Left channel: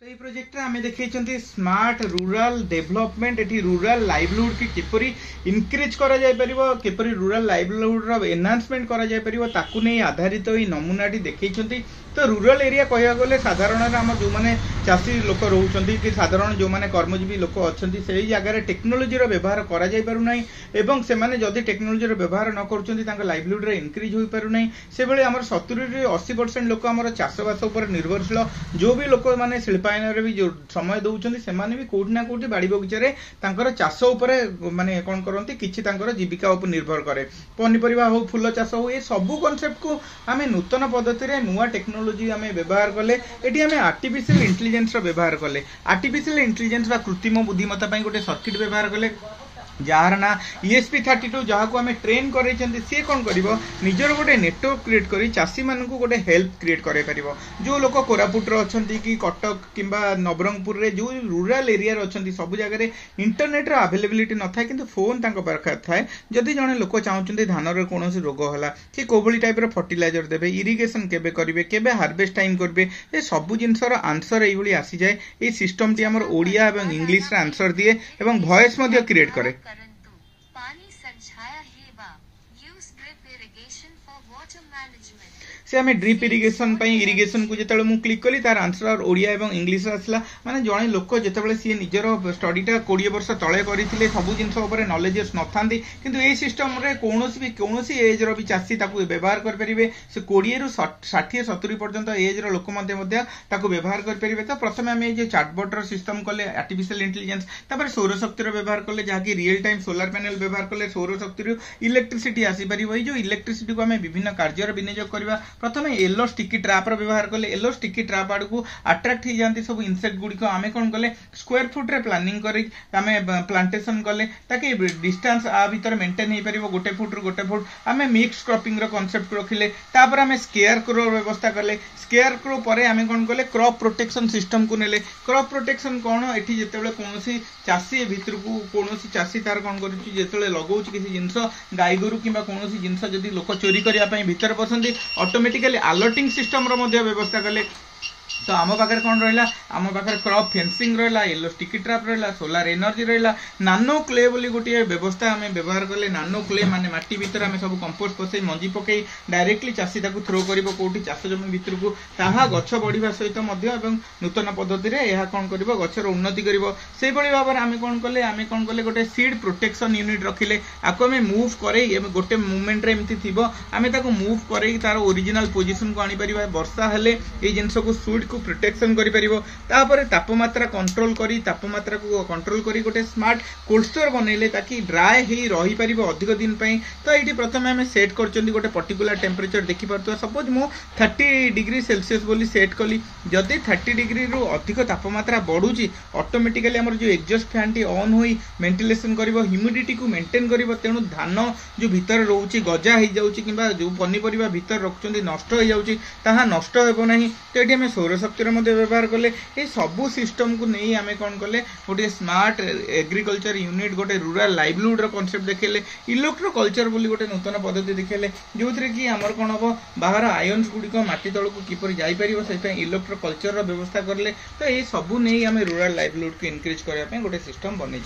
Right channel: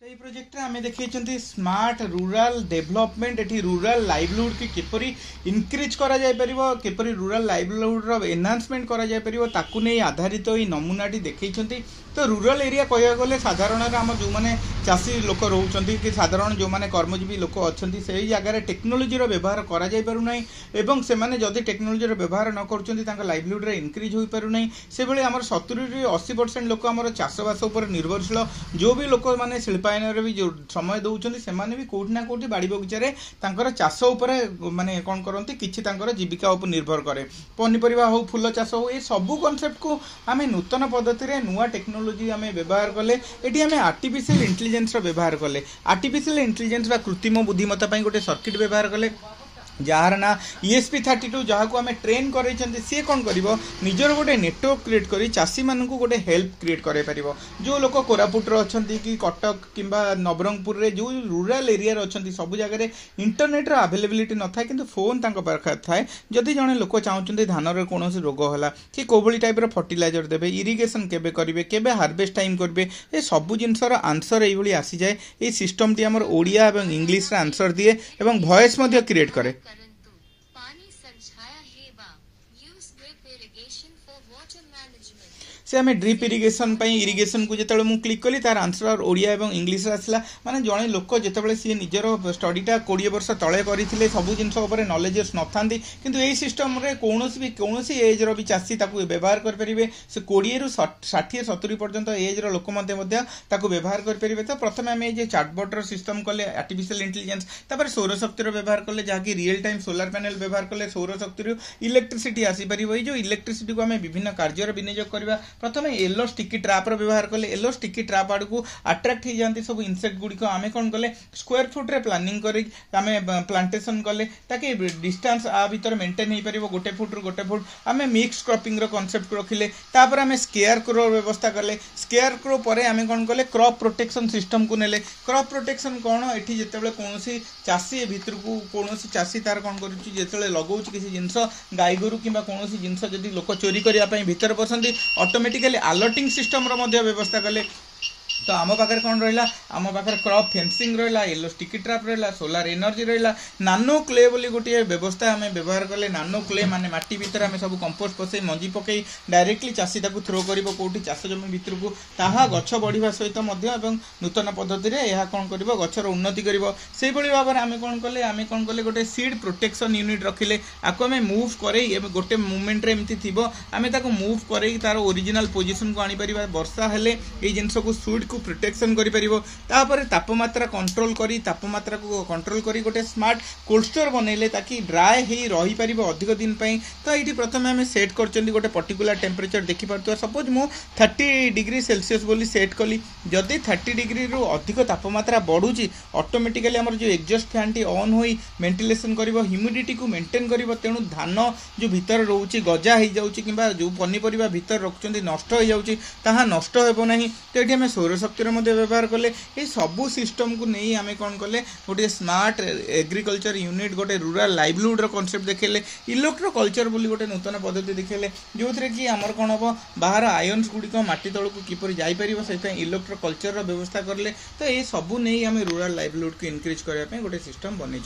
तो ये प्रोजेक्ट आम देखते smart rural development eighty rural livelihood की किपरि इनक्रीज करा जाय परिबो किपरि रूरल लाइवलीहुड रो एनहांसमेंट करा जाय परिबो ताकू नै आधारित तो नमूनाटी देखैछन्ती। तो रूरल एरिया कहया गले साधारण आम जो मैंने चाषी लोक रोचंती कि साधारण जो मैंने कर्मजीवी लोक अच्छी से जगह टेक्नोलोजी व्यवहार करा जाय पारु नै एवं से माने जदि टेक्नोलोजी व्यवहार न करूछन्ती तांका लाइवलीहुड रे इनक्रीज होई पारु नै से बेले हमर 70 ରୁ 80% लोक हमर चाषबास उपर निर्भरशील जो भी लोक माने शिल्पायन रे भी जो समय दउछन्ती से माने भी कोठी ना कोठी बाड़ी बगीचा तांकर चाष उपर माने कोन करंती किछि तांकर जीविका उपर निर्भर करे पनिपरिबा हो फूल चाष हो ए सब कांसेप्ट को आमे नूतन पद्धति रे नुवा टेक्नोलोजी आमे व्यवहार कले एटी आमे आर्टिफिशियल इंटेलिजेंस रो व्यवहार कले आर्टिफिशियल इंटेलिजेंस बा कृत्रिम बुद्धिमत्ता पई गोटे सर्किट व्यवहार कले जार ना ESP32 जहाँ को आम ट्रेन कर सी कौन कर निजर गोटे नेटवर्क क्रिएट कर चाषी मान गोटे हेल्प क्रिएट कर जो लोक कोरापुट अच्छा कि कटक कि नवरंगपुर रे जो रूरल एरिया अच्छा सब जगह इंटरनेट अवेलेबिलिटी न था कि फोन पाखे थाए जदि जड़े लोक चाहते धान कौन रोग है कि कौभली टाइप फर्टिलाइजर देवे इरिगेशन केबे करेंगे केबे हार्वेस्ट टाइम करेंगे ये सब जिनसर आंसर ये आसी जाए ये सिस्टम टी आमर ओडिया एवं इंग्लिश रे आंसर दिए एवं वॉइस मध्य क्रिएट करे। से आम ड्रिप इरिगेशन इरिगेशन को जिते मुझे क्लिक कली तार आंसर ओडिया एवं इंग्लिश आसला माने जड़े लोक जिते सी निजर स्टडीटा 20 वर्ष तले करते सब जिन नॉलेजेस न था कि यही सिस्टम रे कौन एज रि चाषी व्यवहार करेंगे से 20 ରୁ 60-70 पर्यंत एज रोक व्यवहार करेंगे। तो प्रथम आम ये चाटबॉट सिस्टम कले आर्टिफिशियल इंटेलिजेंस सौर शक्ति व्यवहार कले जहाँकि रियल टाइम सोलार पैनल व्यवहार कले सौर शक्ति इलेक्ट्रिसिटी आसीपर जो इलेक्ट्रिसिटी को आम विभिन्न कार्य विनियोग करवा प्रथम येलो स्टिकी ट्रैप व्यवहार कले येलो स्टिकी ट्रैप आड़ को अट्राक्ट हो जाती सब इनसेक्ट गुड़िक आम कौन कले स्क्वायर फुट रे प्लानिंग कर प्लांटेशन कले ताकि डिस्टेंस आ भीतर मेंटेन हो पार 1 फुट रू 1 फुट आम मिक्स क्रॉपिंग कॉन्सेप्ट रखिले तापर आम स्केयर क्रो व्यवस्था कले स्केयर क्रो पर आम कौन कले क्रॉप प्रोटेक्शन सिस्टम को नेले क्रॉप प्रोटेक्शन कौन एठी जेतेबेले कोनोसी चाषी भीतर को कोनोसी चाषी तार कौन करूची जेतेबेले लगौची किसी जिंस गाय गोरु किंबा कोनोसी जिंस जदी लोक चोरी करिया पई भीतर पसंदी ऑटोमेटिकली अलर्टिंग सिस्टम रो मध्य व्यवस्था कले। तो आम पाखे कौन रहा आम पाखे क्रॉप फेंसिंग रहा येलो स्टिकी ट्रैप रहा सोलार एनर्जी रहा नानो क्ले बोली गोटे व्यवस्था आम व्यवहार कले नानो क्ले माने माटी भीतर आम सब कंपोस्ट पसई मंजी पकई डायरेक्टली चाषी थ्रो कर कौटी चाष जमी भितर को ताहा गछ बढ़िया सहित नूतन पद्धति कौन कर गचर उन्नति कर भाव में आम कौन कले गोटे सीड प्रोटेक्शन यूनिट रखिले आपको आम मुव कर गोटे मुवमेंट एमती थी आम मुव कर तार ओरिजिनल पोजिशन को आनीपर वर्षा हेले ये जिनस को सुइट को प्रोटेक्शन करि परिबो तापर तापमात्रा कंट्रोल करी तापमात्रा को कंट्रोल करी गोटे स्मार्ट कोल्ड स्टोर बनैले ताकि ड्राई हे रही परिबो अधिक दिन पई। तो एठी प्रथम हम सेट करचंदी गोटे पर्टिकुलर टेम्परेचर देखि परतो सपोज मु 30 डिग्री सेल्सियस बोली सेट कली जदि 30 डिग्री रो अधिक तापमात्रा बढ़ुची ऑटोमेटिकली हमर जो एग्जॉस्ट फैन टी ऑन होई वेंटिलेशन करिवो ह्यूमिडिटी को मेंटेन करिवो तेनु धान जो भीतर रहउची गजा हे जाउची किबा जो पनिपरिबा भीतर रखचंदी नष्ट हो जाउची ताहा नष्ट हेबो नाही। तो एठी हम सौर शक्ति व्यवहार कले ये सबू सिस्टम को नहीं आम कौन कले गोटे स्मार्ट एग्रीकल्चर यूनिट गोटे रूरल लाइवलीहुड कॉन्सेप्ट देखेले इलेक्ट्रो कल्चर बोली गोटे नूतन पद्धति देखेले जो कि आमर कौन हम बाहर आयन्स गुड़िक माटी तल को किपर जापर से इलेक्ट्रो कल्चर व्यवस्था करें। तो ये सबू नहीं आम रूरल लाइवलीहुड को इनक्रीज करने गोटे सिस्टम बनई।